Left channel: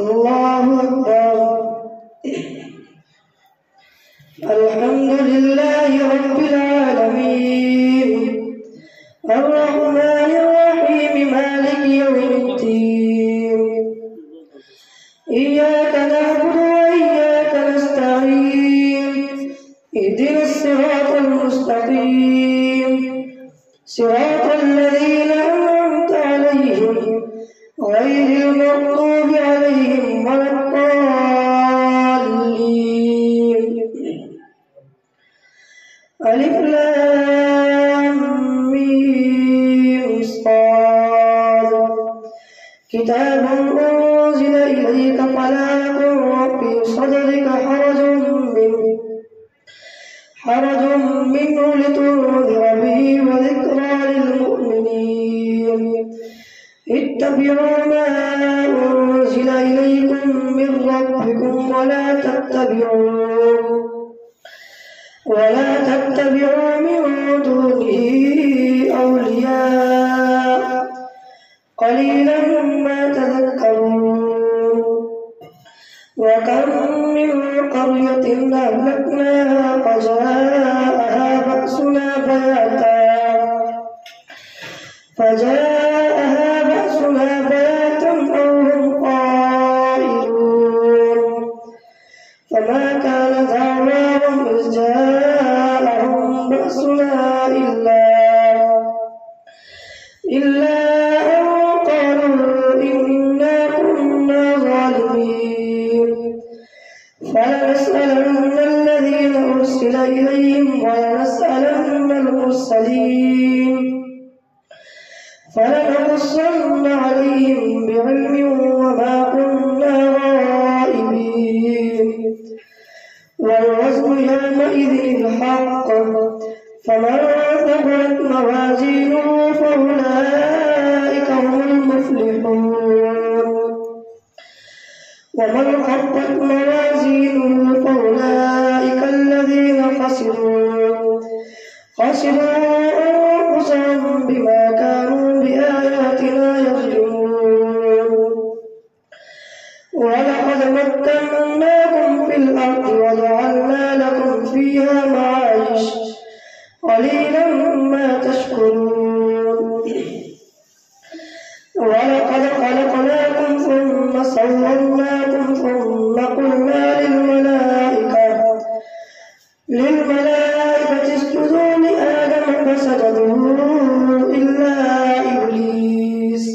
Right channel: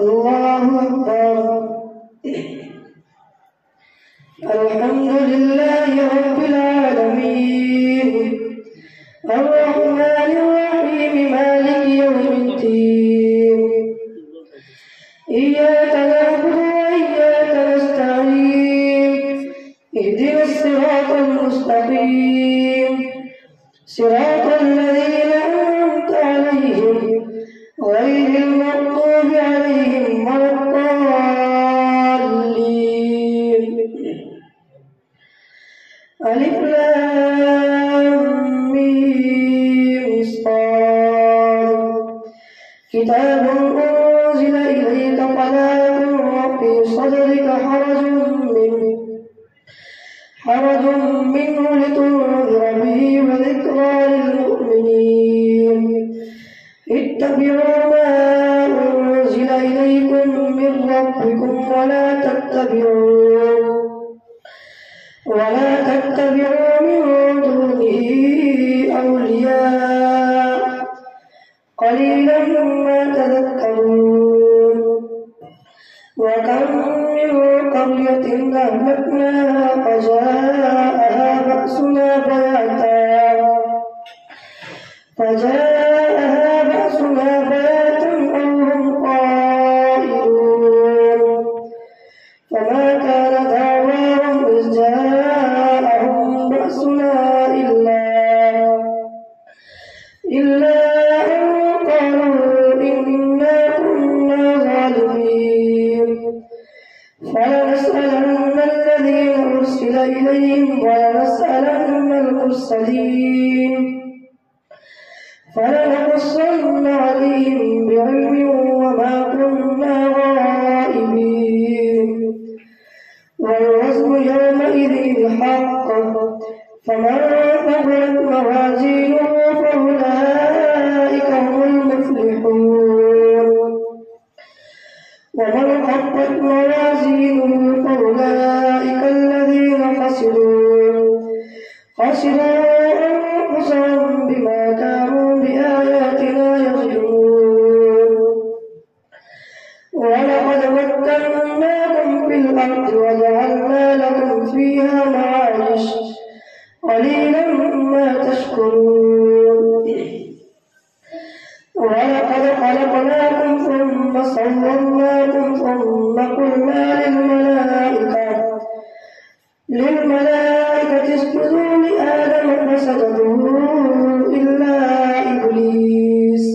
الله أكبر. الحمد لله رب العالمين الرحمن الرحيم مالك يوم الدين إياك نعبد وإياك نستعين اهدنا الصراط المستقيم صراط الذين أنعمت عليهم غير المغضوب عليهم ولا الضالين. ألف لام ميم صاد كتاب أنزل إليك فلا يكن في صدرك حرج منه لتنذر به وذكرى للمؤمنين. اتبعوا ما أنزل إليكم من ربكم ولا تتبعوا من دونه أولياء قليلا ما تذكرون. وكم من قرية أهلكناها فجاءها بأسنا بياتا أو هم قائلون. فما كان دعواهم إذ جاءهم بأسنا إلا أن قالوا إنا كنا ظالمين. فلنسألن الذين أرسل إليهم ولنسألن المرسلين فلنقصن عليهم بعلم وما كنا غائبين. والوزن يومئذ الحق فمن ثقلت موازينه فأولئك هم المفلحون. ومن خفت موازينه فأولئك الذين خسروا أنفسهم بما كانوا بآياتنا يظلمون. ولقد مكناكم في الأرض وجعلنا لكم فيها معايش قليلا ما تشكرون. ولقد خلقناكم ثم صورناكم ثم قلنا للملائكة اسجدوا لآدم فسجدوا إلا إبليس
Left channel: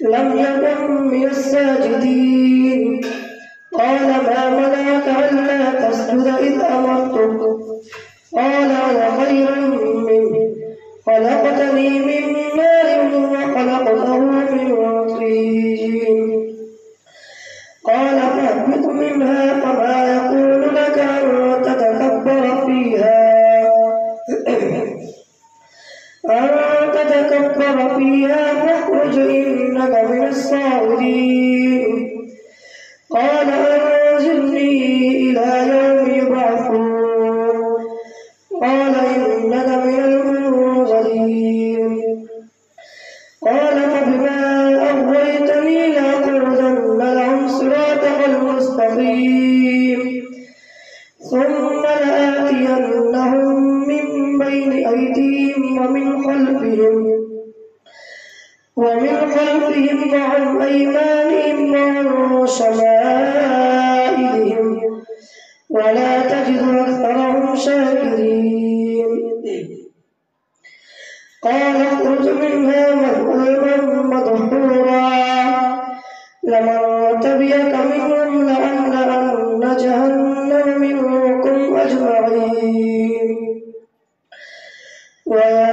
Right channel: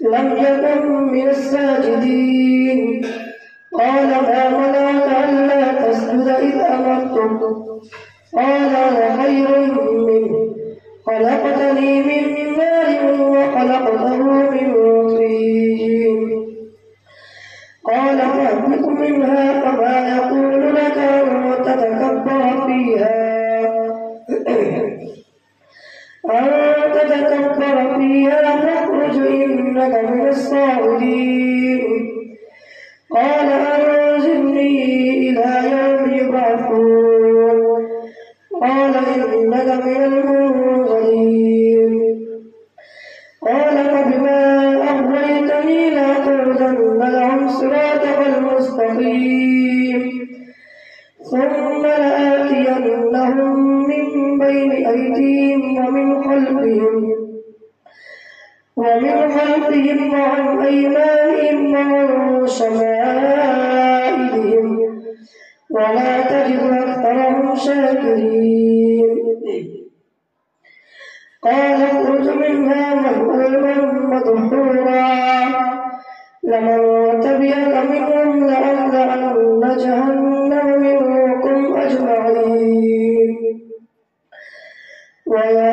لم يكن من الساجدين. قال ما منعك ألا تسجد إذ أمرتك؟ قال أنا خير منه خلقتني من نار وخلقته من طين. قال فاهبط منها فما يكون لك أن تتكبر فيها فاخرج إنك من الصاغرين. قال أنزلني إلى يوم يبعثون. قال إنك من المنظرين. قال فبما أغويتني لأقعدن لهم صراطك المستقيم ثم لآتينهم من بين أيديهم ومن خلفهم وعن أيمانهم وعن شمائلهم ولا تجد أكثرهم شاكرين. قال اخرج منها مذءوما مدحورا لمن تبعك منهم لأملأن جهنم منكم أجمعين. ويا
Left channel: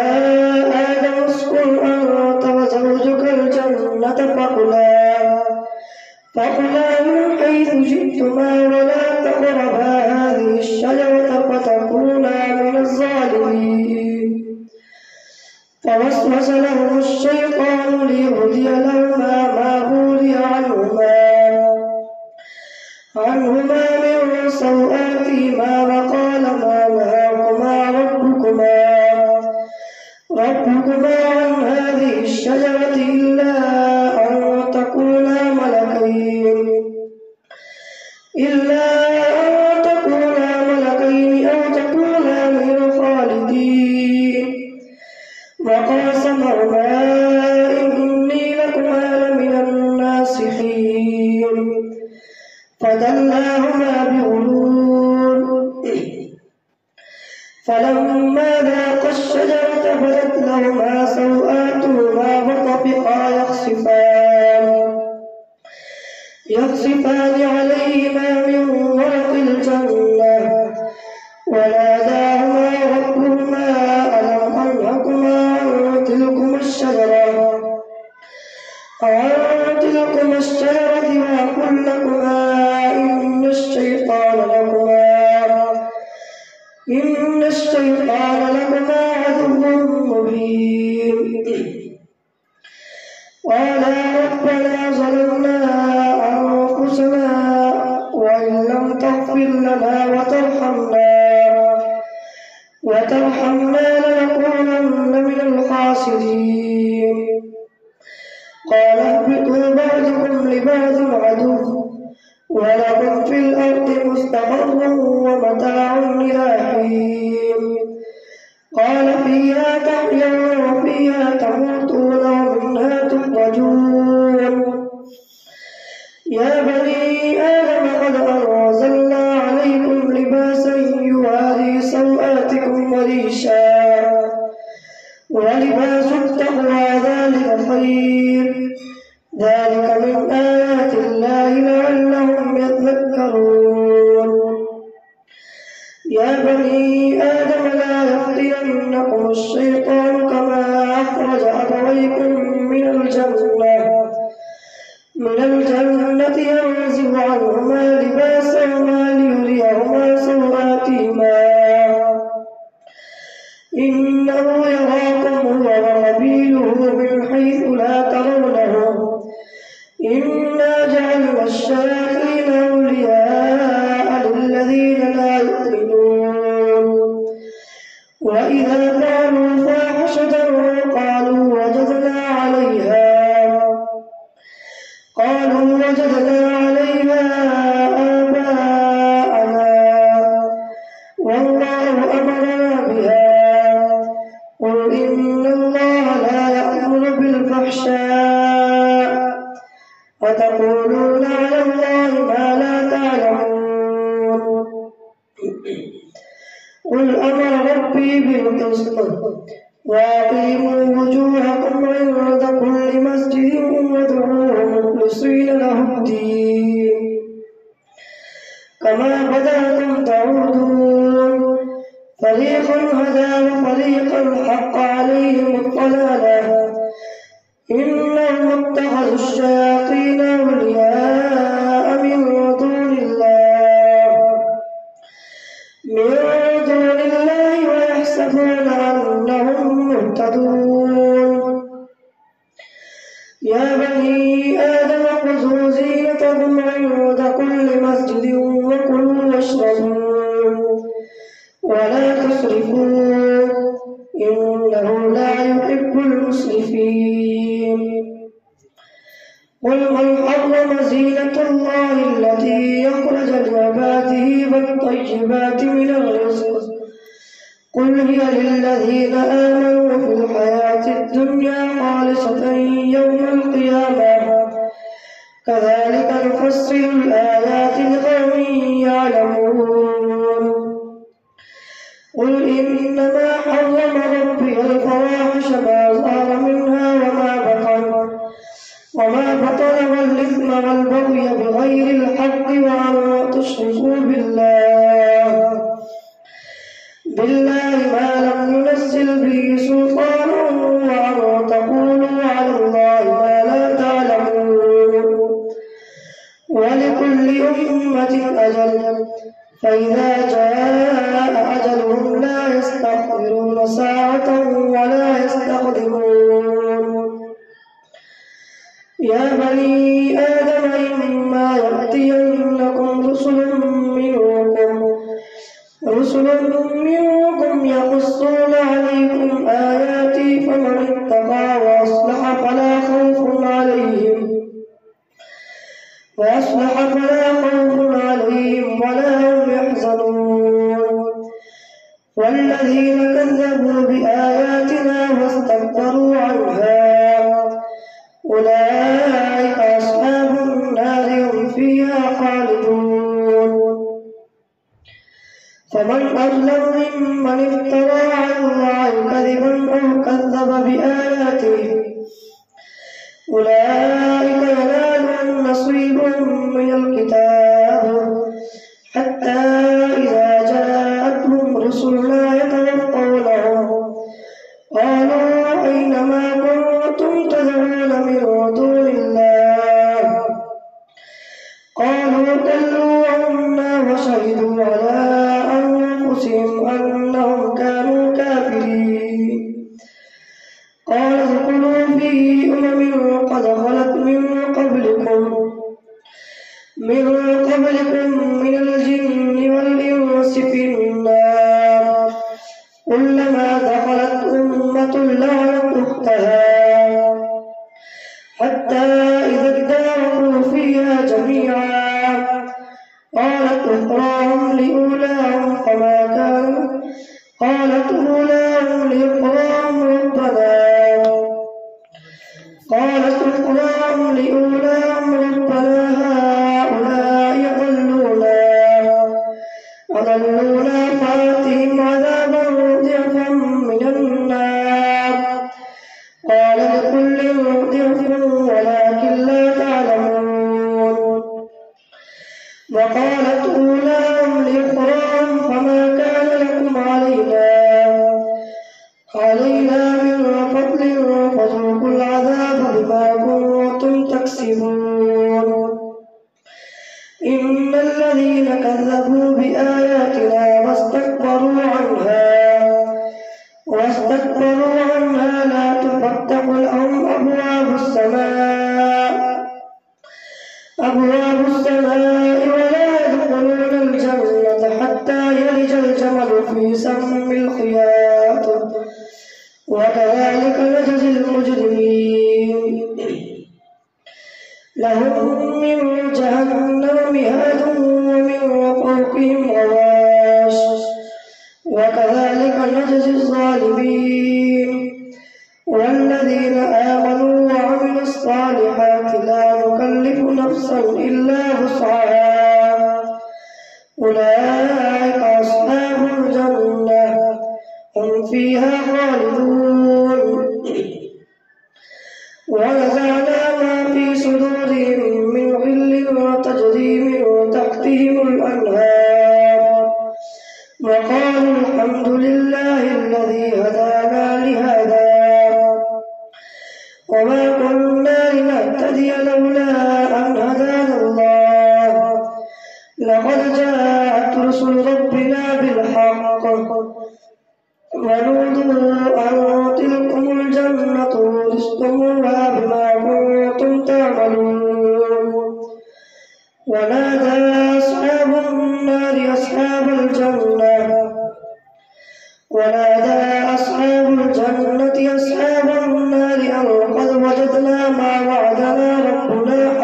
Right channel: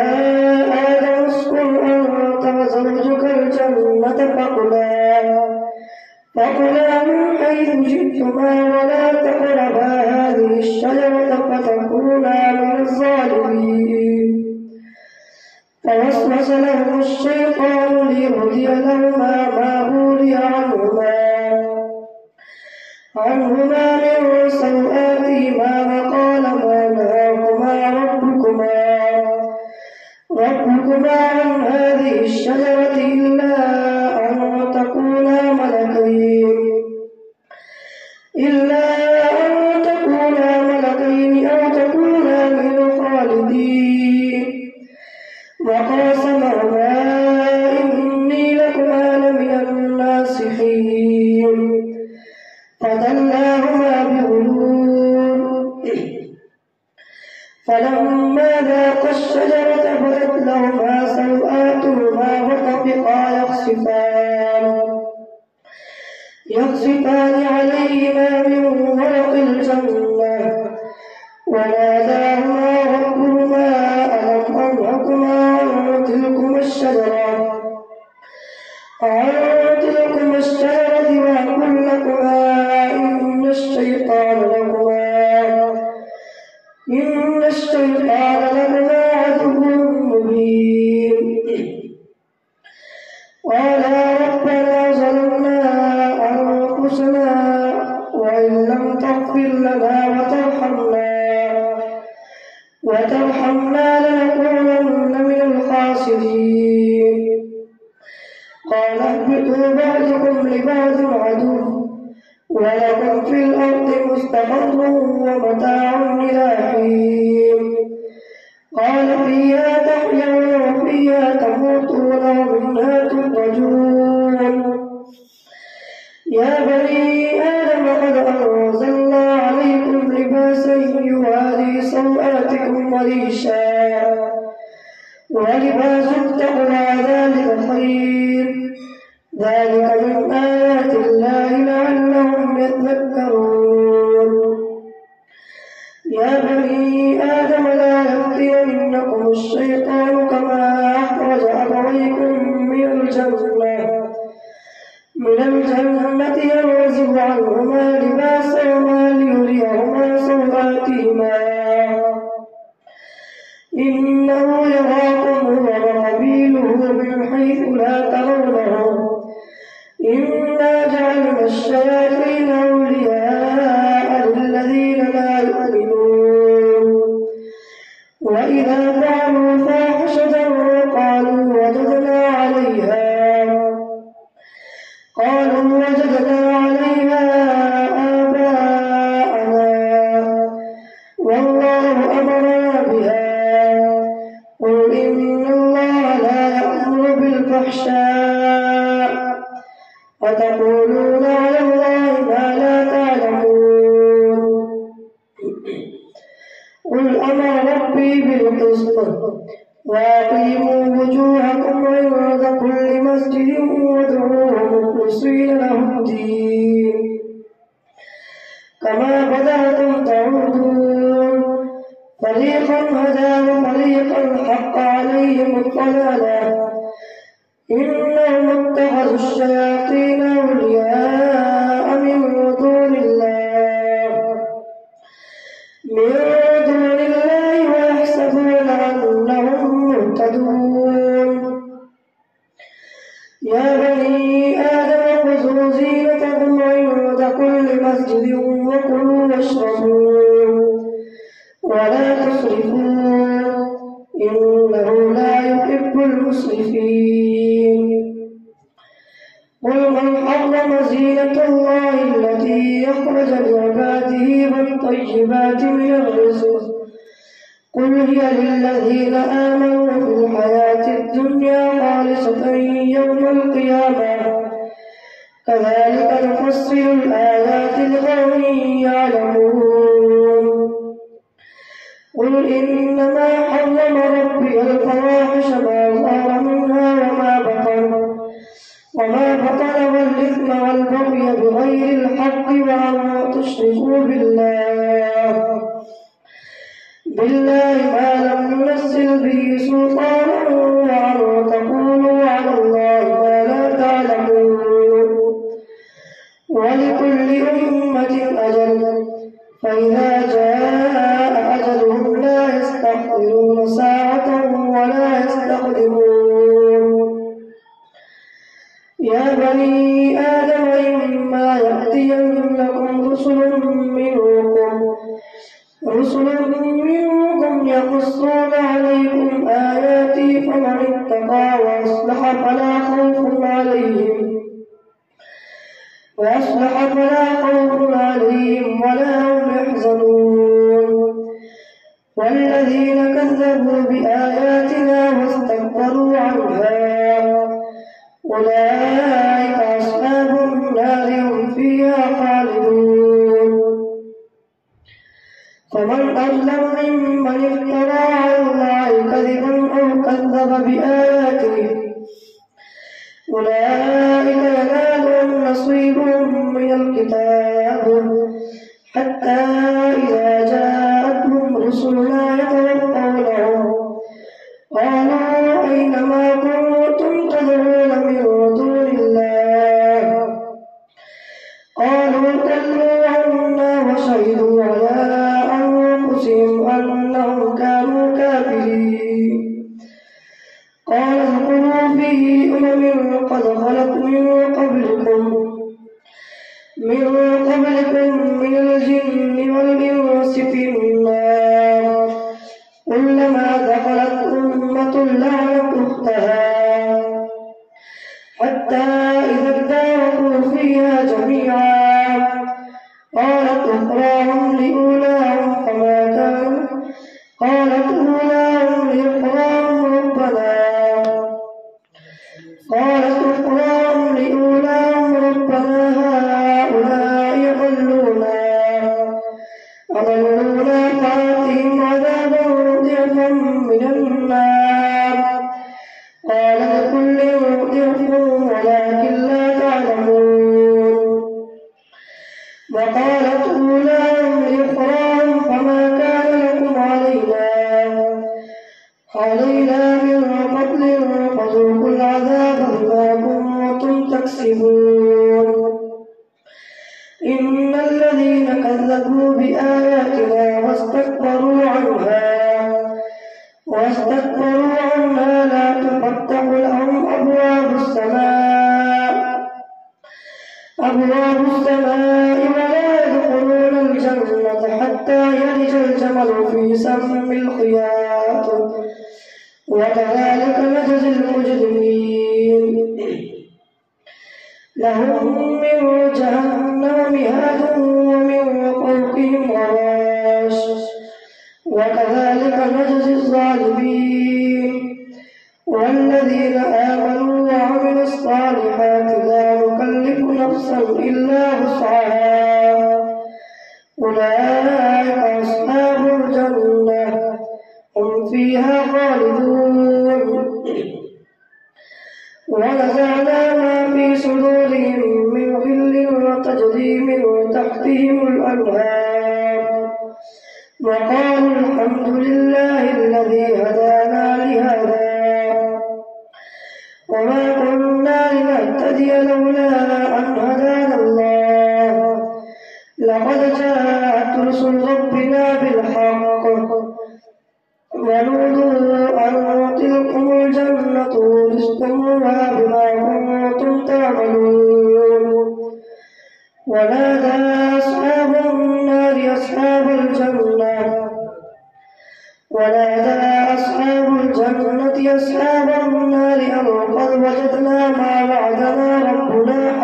آدم اسكن أنت وزوجك الجنة فكلا من حيث شئتما ولا تقربا هذه الشجرة فتكونا من الظالمين. فوسوس لهما الشيطان ليبدي لهما ما بوري عنهما من سوآتهما وقال ما نهاكما ربكما عن هذه الشجرة إلا أن تكونا يخصفان عليهما من ورق الجنة وناداهما ربهما ألم أنهكما عن تلكما الشجرة وأقل لكما إن الشيطان لكما عدو مبين. قالا ربنا ظلمنا أنفسنا وإن لم تغفر لنا وترحمنا لنكونن من الخاسرين. قال اهبطوا بعضكم لبعض عدو ولكم في الأرض مستقر ومتاع إلى حين. قال فيها تحيون وفيها تموتون ومنها تخرجون. يا بني آدم قد أنزلنا عليكم لباسا يواري سوآتكم وريشا ولباس التقوى ذلك خير. ذلك من آيات الله لعلهم يتذكرون. يا بني آدم لا يفتننكم الشيطان كما أخرج أبويكم من الجنة ينزع عنهما لباسهما ليريهما سوآتهما إنه يراكم هو وقبيله من حيث لا ترونهم. إنا جعلنا الشياطين أولياء للذين لا يؤمنون. وإذا فعلوا فاحشة قالوا وجدنا عليها آباءنا والله أمرنا بها. قل إن الله لا يأمر بالفحشاء وتقولون على الله ما لا تعلمون. قل أمر ربي بالقسط وأقيموا وجوهكم عند كل مسجد وادعوه مخلصين له الدين كما بدأكم تعودون. فريقا هدى وفريقا حق عليهم الضلالة إنهم اتخذوا الشياطين أولياء من دون الله ويحسبون أنهم مهتدون. يا بني آدم خذوا زينتكم عند كل مسجد وكلوا واشربوا ولا تسرفوا إنه لا يحب المسرفين. قل من حرم زينة الله التي أخرج لعباده والطيبات من الرزق قل هي للذين آمنوا في الحياة الدنيا خالصة يوم القيامة كذلك نفصل الآيات لقوم يعلمون. قل إنما حرم ربي الفواحش ما ظهر منها وما بطن والإثم والبغي بغير الحق وأن تشركوا بالله ما لم ينزل به سلطانا وأن تقولوا على الله ما لا تعلمون. ولكل أمة أجل فإذا جاء أجلهم لا يستأخرون ساعة ولا يستقدمون. يا بني آدم إما يأتينكم رسل منكم يقصون عليكم آياتي فمن اتقى وأصلح فلا خوف عليهم ولا هم يحزنون. والذين كذبوا بآياتنا واستكبروا عنها أولئك أصحاب النار هم فيها خالدون. فمن أظلم ممن افترى على الله كذبا أو كذب بآياته أولئك ينالهم نصيب من الكتاب حتى إذا جاءتهم رسلنا يتوفونهم قالوا أين ما كنتم تدعون من دون الله قالوا ضلوا عنا وشهدوا على أنفسهم أنهم كانوا كافرين قال ادخلوا في أمم قد خلت من قبلكم من الجن والإنس في النار كلما دخلت أمة لعنت أختها حتى إذا اداركوا فيها جميعا قالت أخراهم لأولاهم ربنا هؤلاء أضلونا فآتهم عذابا ضعفا من النار قال لكل ضعف ولكن لا تعلمون وقالت أولاهم لأخراهم فما كان لكم علينا من فضل فذوقوا العذاب بما كنتم تكسبون إن الذين كذبوا بآياتنا واستكبروا عنها لا تفتح لهم أبواب السماء ولا يدخلون الجنة حتى يلج الجمل في سم الخياط وكذلك نجزي المجرمين لهم من جهنم مهاد ومن فوقهم غواش وكذلك نجزي الظالمين والذين آمنوا وعملوا الصالحات لا نكلف نفسا إلا وسعها أولئك أصحاب الجنة هم فيها خالدون ونزعنا ما في صدورهم من غل وتجري من تحتهم الأنهار وقالوا الحمد لله الذي هدانا لهذا وما كنا لنهتدي لولا أن هدانا الله لقد جاءت رسل ربنا بالحق ونودوا أن تلكم الجنة ورثتموها بما كنتم تعملون ونادى أصحاب النار أصحاب الجنة أن قد وجدنا ما وعدنا ربنا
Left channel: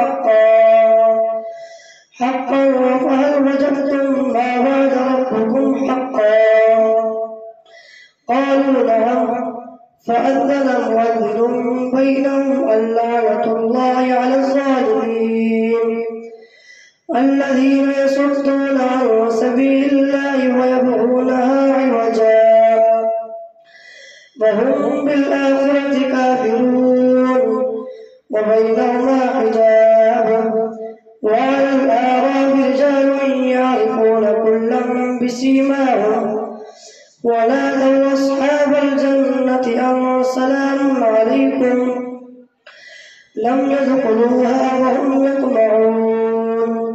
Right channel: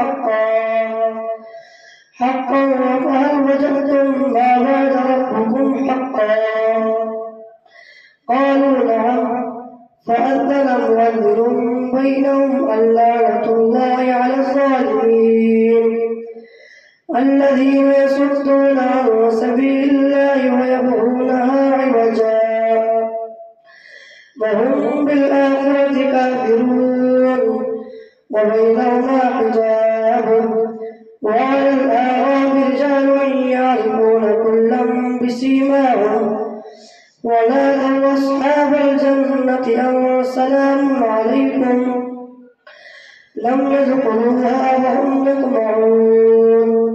حقا فهل وجدتم ما وعد ربكم حقا قالوا نعم فأذن مؤذن بينهم اللعنة الله على الظالمين الذين يصدون عن سبيل الله ويبغونها عوجا وهم بالآخرة كافرون وبينهما حجاب وعلى الأعراب رجال يعرفون كلا بسيماهم ونادوا أصحاب الجنة أن سلام عليكم لم يدخلوها وهم يطمعون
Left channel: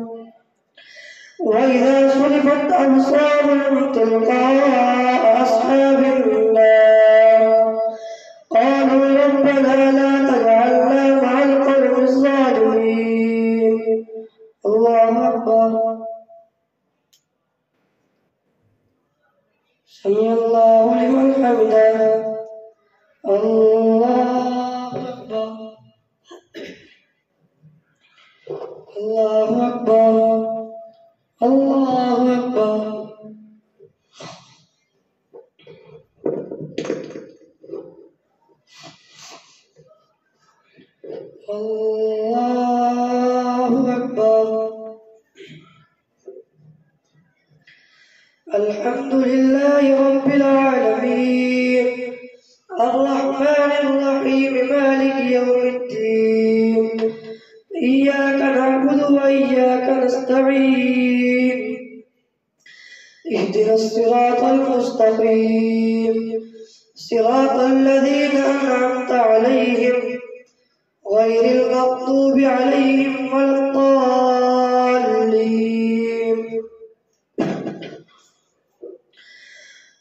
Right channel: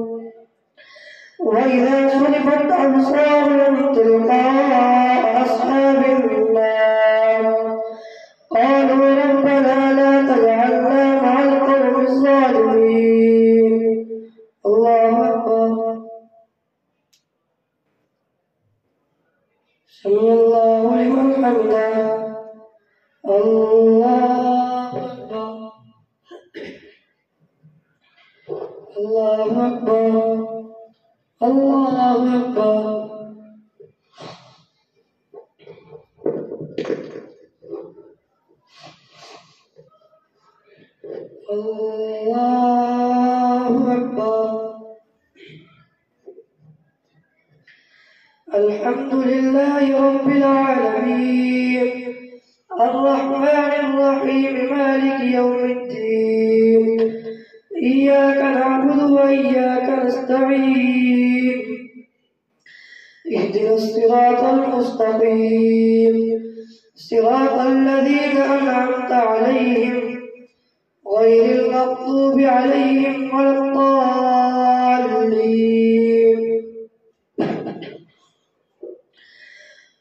وإذا صرفت أبصارهم تلقاء أصحاب النار قالوا ربنا لا تجعلنا مع القوم الظالمين الله أكبر سمع الله لمن حمده الله أكبر الله أكبر الله أكبر الله أكبر الحمد لله رب العالمين الرحمن الرحيم مالك يوم الدين الرحيم إياك نعبد وإياك نستعين اهدنا الصراط المستقيم صراط الذين أنعمت عليهم غير المغضوب عليهم ولا الضالين.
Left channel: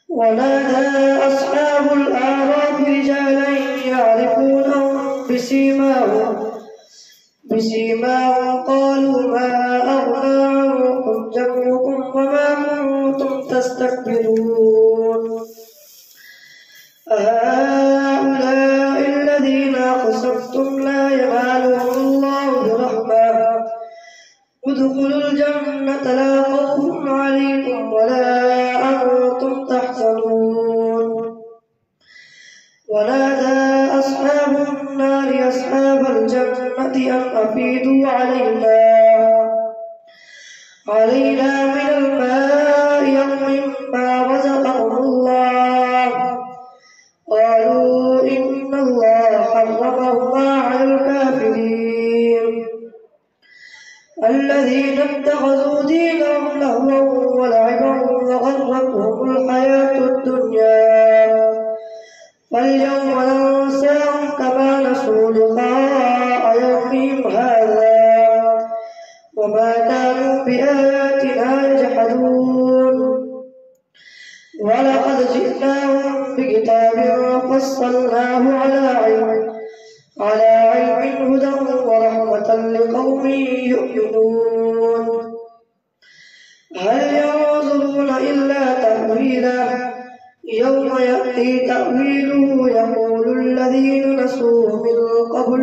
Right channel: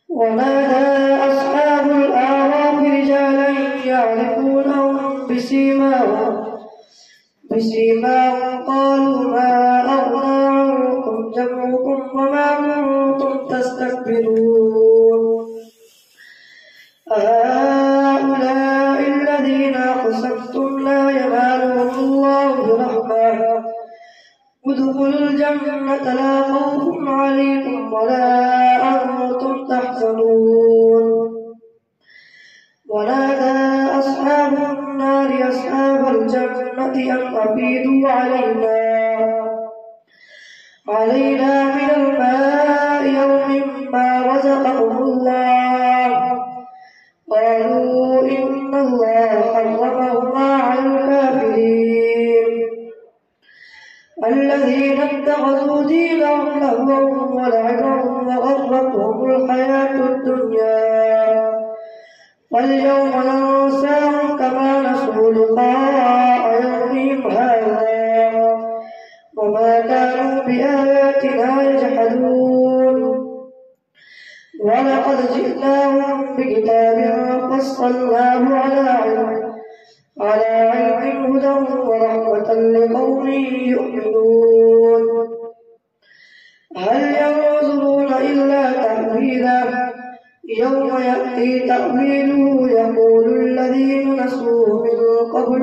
ونادى أصحاب الأعراف رجالا يعرفونهم بسيماهم قالوا ما أغنى عنكم جمعكم وما كنتم تستكبرون هؤلاء الذين أقسمتم لا ينالهم الله برحمة ادخلوا الجنة لا خوف عليكم ولا أنتم تحزنون. ونادى أصحاب النار أصحاب الجنة أن أفيدوا علينا من الماء يوم ما رزقكم الله قالوا إن الله حرمهما على الكافرين الذين اتخذوا دينهم لهوا ولعبا وغرتهم الحياة الدنيا فاليوم ننساهم كما نسوا لقاء يومهم هذا وما كانوا بآياتنا يجحدون. ولقد جئناهم بكتاب فصلناه على علم هدى ورحمة لقوم يؤمنون. هل ينظرون إلا تأويله يوم يأتي تأويله يقول الذين نسوه من قبل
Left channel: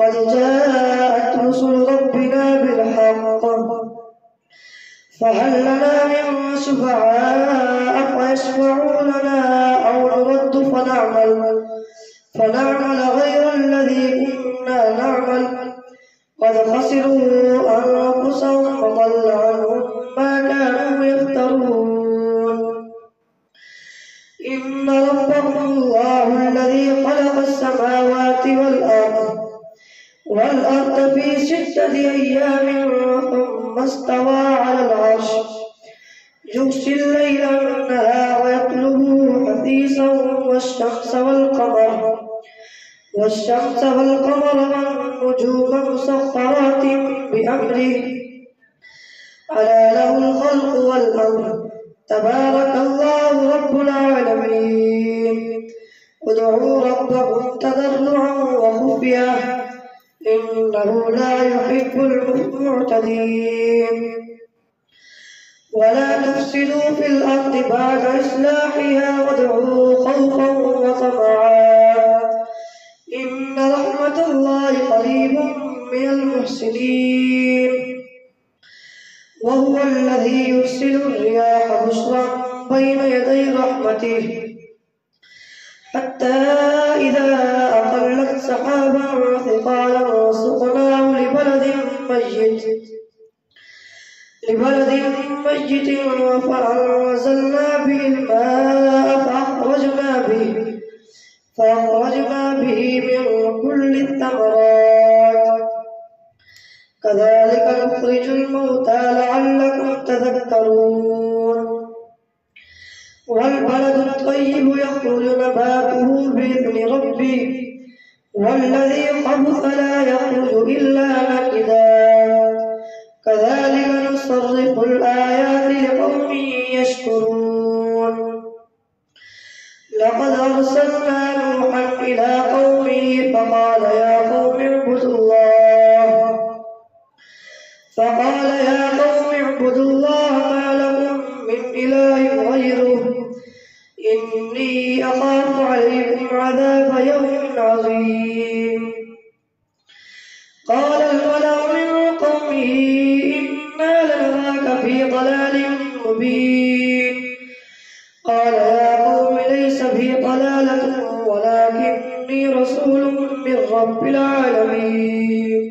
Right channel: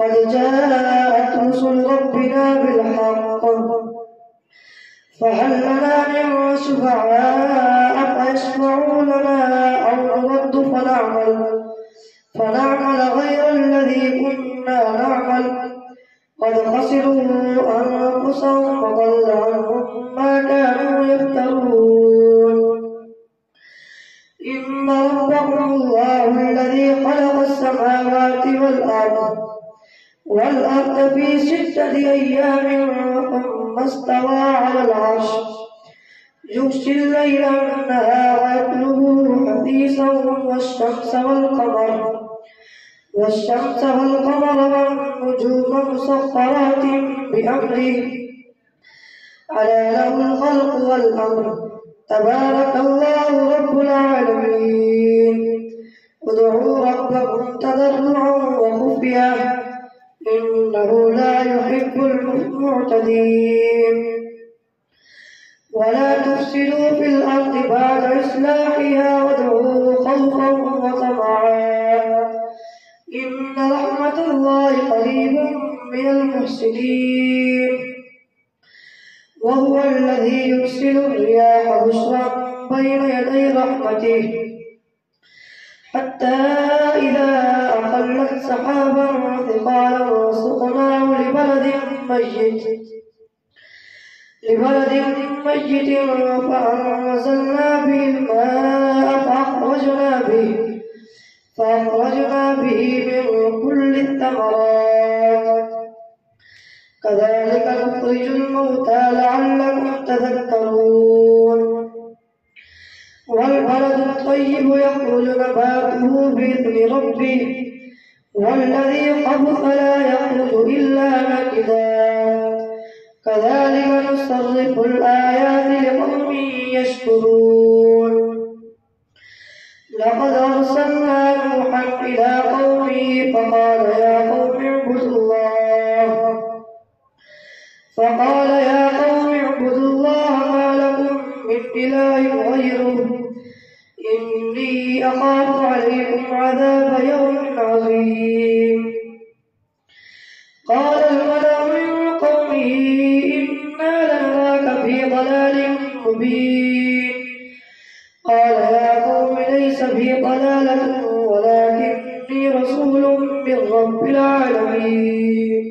قد جاءت رسل ربنا بالحق فهل لنا من شفعاء فيشفعوا لنا أو نرد فنعمل غير الذي كنا نعمل قد خسروا أنفسهم وضل عنهم ما كانوا يفترون. إن ربكم الله الذي خلق السماوات والأرض في 6 أيام ثم استوى على العرش يغشي الليل النهار يطلبه حثيثا والشمس والقمر والنجوم مسخرات بأمره ألا له الخلق والأمر تبارك الله رب العالمين. ادعوا ربكم تضرعا وخفيا إنه لا يحب المعتدين. ولا تفسدوا في الأرض بعد إصلاحها وادعوه خوفا وطمعا إن رحمة الله قريب من المحسنين. وهو الذي يرسل الرياح بشرا بين يدي رحمته حتى إذا أقلت سحابا ثقالا سقناه لبلد ميت فأنزلنا به الماء فأخرجنا به من كل الثمرات كذلك نخرج الموتى لعلكم تذكرون. والبلد الطيب يخرج نباته بإذن ربه والذي خبث لا يخرج إلا نكدا كذلك نصرف الآيات لقوم يشكرون. لقد أرسلنا نوحا إلى قومه فقال يا قوم اعبدوا الله ما لكم من إله غيره إني أخاف عليكم عذاب يوم عظيم. قال الملأ من قومه إنا لنراك في ضلال مبين. قال يا قوم ليس بي ضلالة ولكني رسول من رب العالمين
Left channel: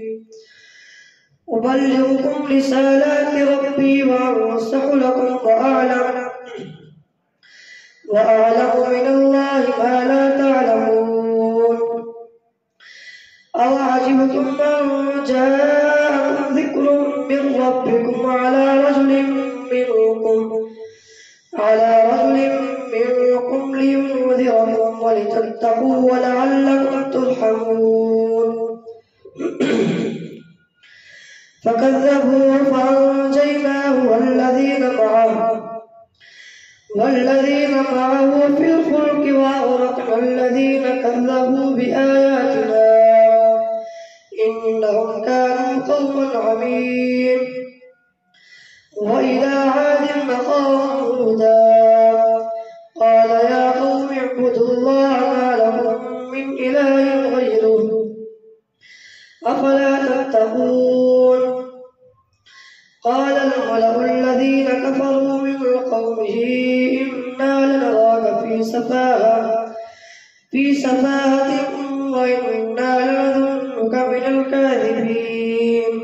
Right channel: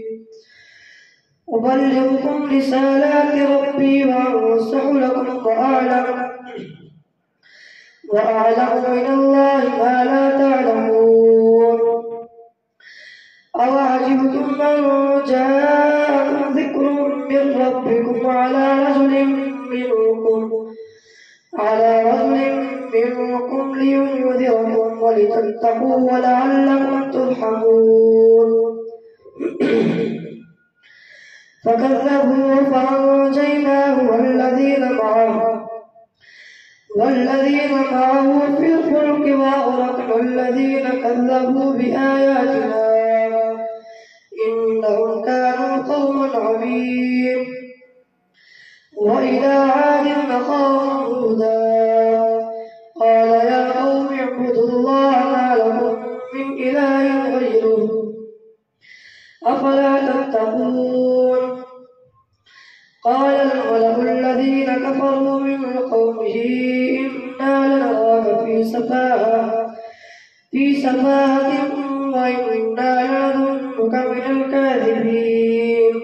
أبلغكم رسالات ربي وأنصح لكم وأعلم من الله ما لا تعلمون. أوعجبتم أن جاءكم ذكر من ربكم على رجل منكم لينذركم ولتتقوا ولعلكم ترحمون فكذبوا فأنجيناه والذين معه في الفلك وأغرقنا الذين كذبوا بآياتنا إنهم كانوا قوما عمين وإلى عاد أخاهم هودا قال يا قوم اعبدوا الله ما لكم من إله غيره أفلا تتقون قال الملأ الذين كفروا من قومه إنا لنراك في سفاهة وإنا لنظنك من الكاذبين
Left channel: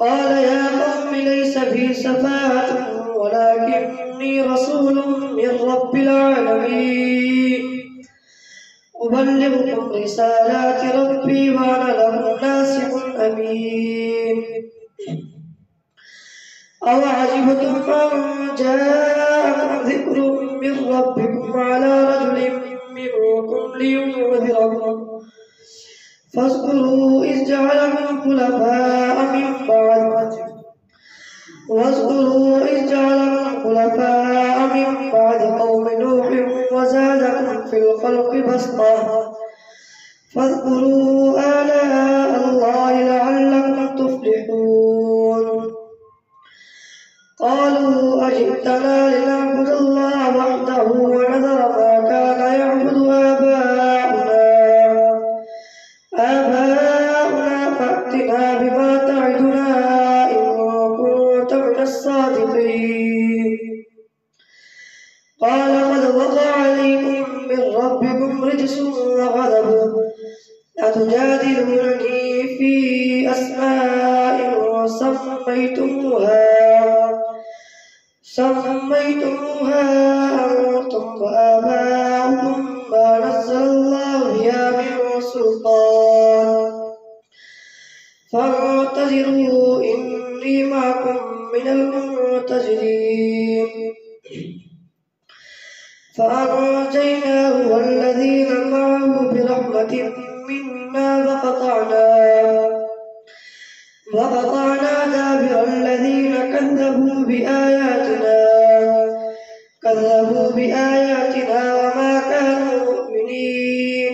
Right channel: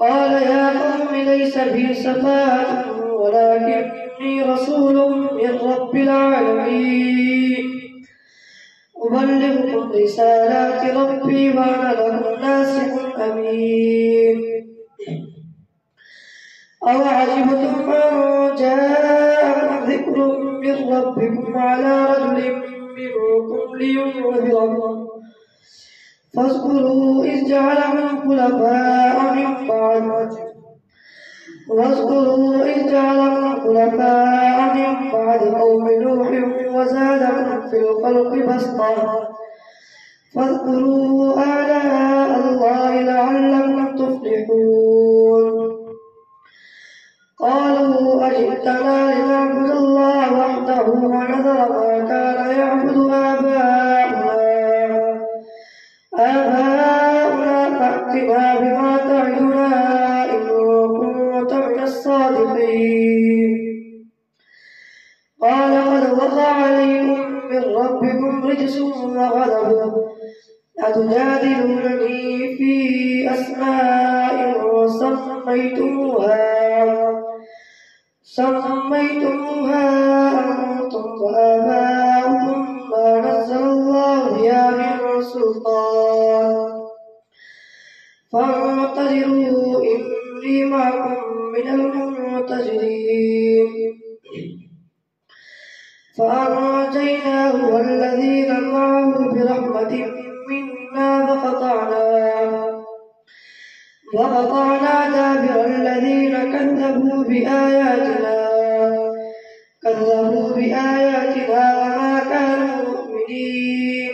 قال يا قوم ليس بي سفاهة ولكني رسول من رب العالمين أبلغكم رسالات ربي وأنا لكم ناصح أمين أوعجبتم أن جاءكم ذكر من ربكم على رجل منكم لينذركم فاذكروا إذ جعلكم خلفاء من بعد قوم نوح وزادكم في الخلق بسطة فاذكروا آلاء الله لعلكم تفلحون قالوا أجئتنا لنعبد الله وحده ونذر ما كان يعبد آباؤنا فأتنا بما تعدنا إن كنت من الصادقين قال قد وقع عليكم من ربكم رجس وغضب أتجادلونني في أسماء سميتموها أنتم وآباؤكم ما نزل الله بها من سلطان فانتظروا إني معكم من المنتظرين فأنجيناه والذين معه برحمة منا وقطعنا دابر الذين كذبوا بآياتنا وما كانوا مؤمنين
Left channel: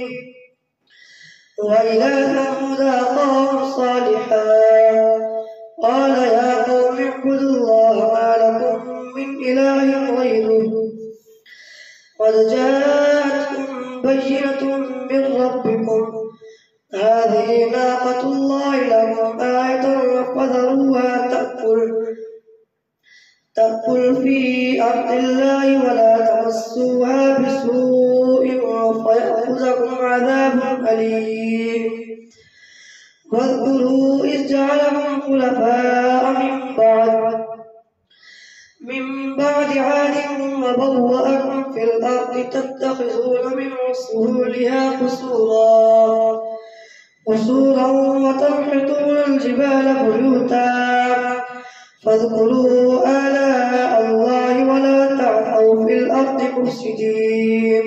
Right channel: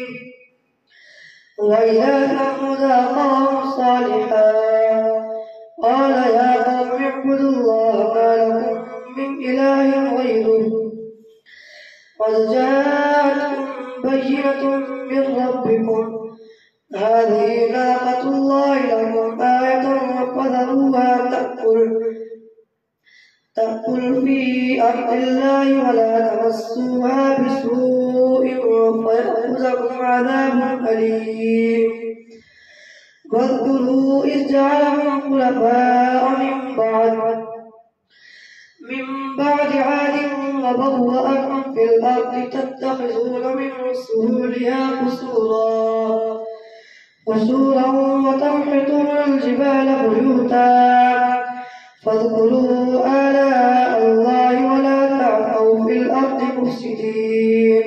وإلى ثمود أخاهم صالحا قال يا قوم اعبدوا الله ما لكم من إله غيره قد جاءتكم بينة من ربكم هذه ناقة الله لكم آية فذروها تأكل في أرض الله ولا تمسوها بسوء فيأخذكم عذاب أليم واذكروا إذ جعلكم خلفاء من بعد عاد وبوأكم في الأرض تتخذون من سهولها قصورا وتنحتون الجبال بيوتا فاذكروا آلاء الله ولا تعثوا في الأرض مفسدين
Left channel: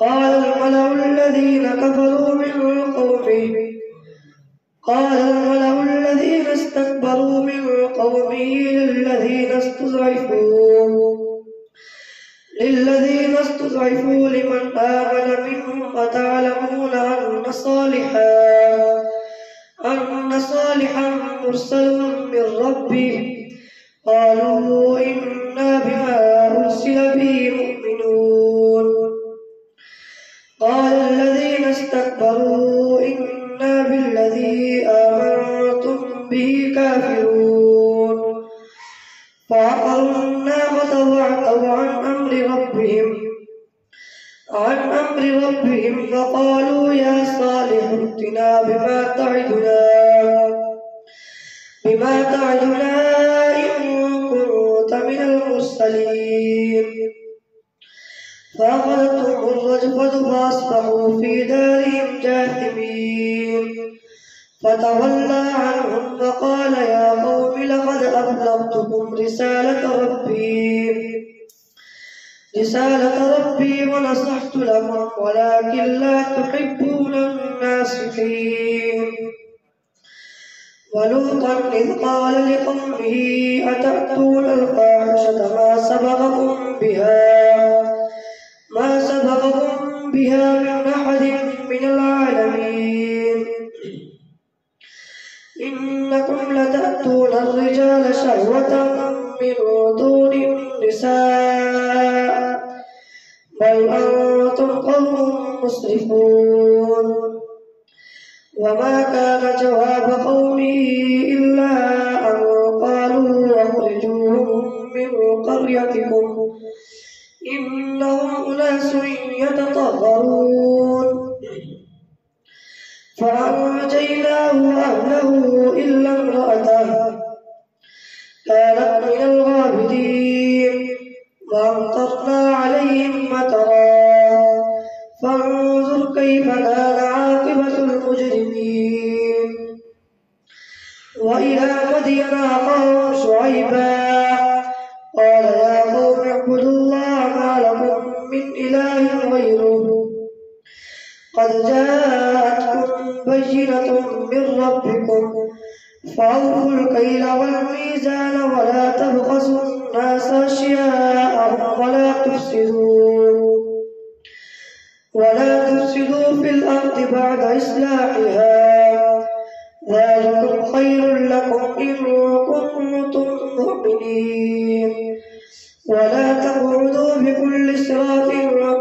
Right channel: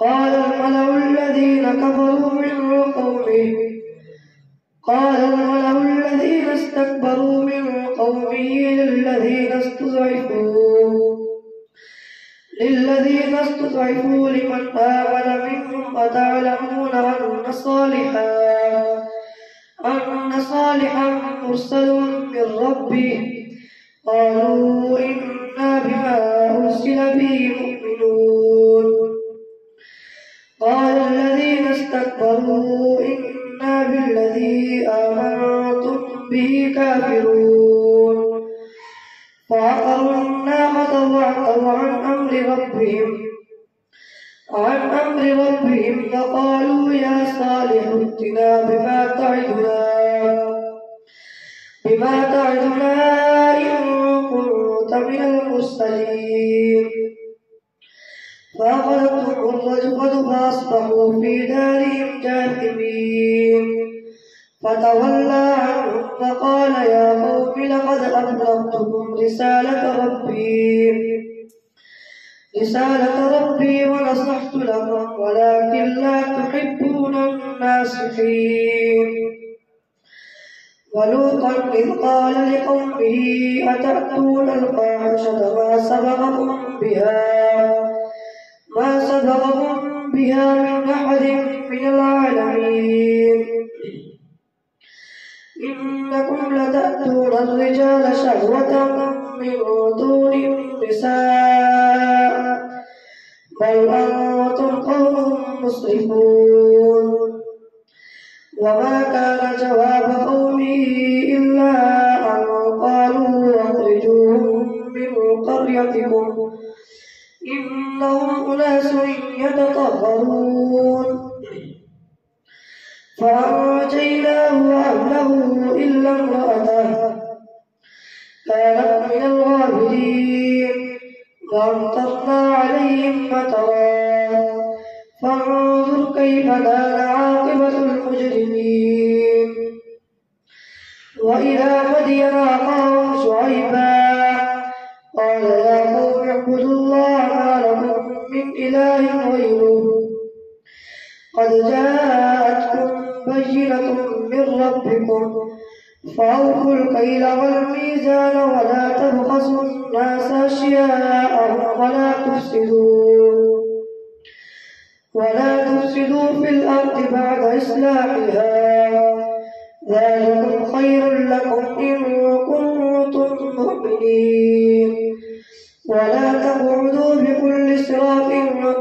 قال الملأ الذين استكبروا من قومه للذين استضعفوا لمن آمن منهم أتعلمون أن صالحا مرسل من ربه قالوا إنا بما أرسل به مؤمنون قال الذين استكبروا إنا بالذي آمنتم به كافرون فعقروا الناقة وعتوا عن أمر ربهم فقالوا يا صالح ائتنا بما فتولى عنهم وقال يا قوم لقد أبلغتكم رسالة ربي ونصحت لكم ولكن لا تحبون الناصحين. ولوطا إذ قال لقومه أتأتون الفاحشة ما سبقكم بها من أحد من العالمين إنكم لتأتون الرجال شهوة من دون النساء بل أنتم قوم مسرفون. وما كان جواب قومه إلا أن قالوا أخرجوهم من قريتكم إنهم أناس يتطهرون. فأنجيناه وأهله إلا امرأته كانت من الغابرين وأمطرنا عليهم مطرا فانظر كيف كان عاقبة المجرمين. وإلى مدين أخاهم شعيبا قال يا قوم اعبدوا الله ما لكم من إله غيره قد جاءتكم بينة من ربكم فأوفوا الكيل والميزان ولا تبخسوا الناس أشياءهم ولا تفسدوا في الأرض بعد إصلاحها ذلكم خير لكم إن كنتم مؤمنين. ولا تقعدوا بكل صراط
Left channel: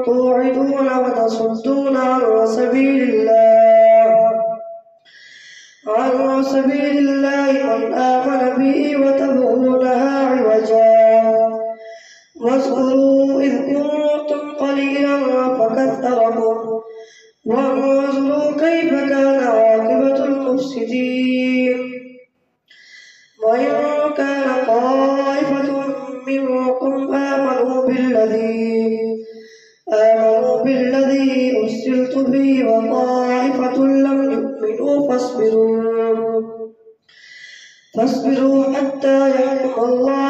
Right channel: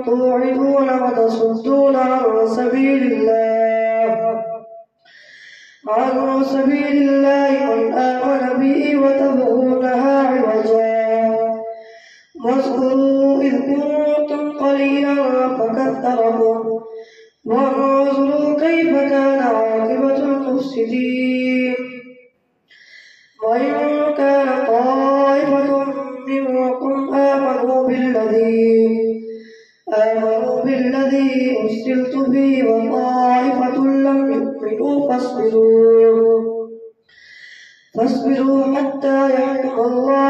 توعدون وتصدون عن سبيل الله من آمن به وتبغونها عوجا. واذكروا إذ كنتم قليلا فكثركم وانظروا كيف كان عاقبة المفسدين. وإن كان طائفة منكم آمنوا بالذي أرسلت به وطائفة لم يؤمنوا فاصبروا حتى يحكم الله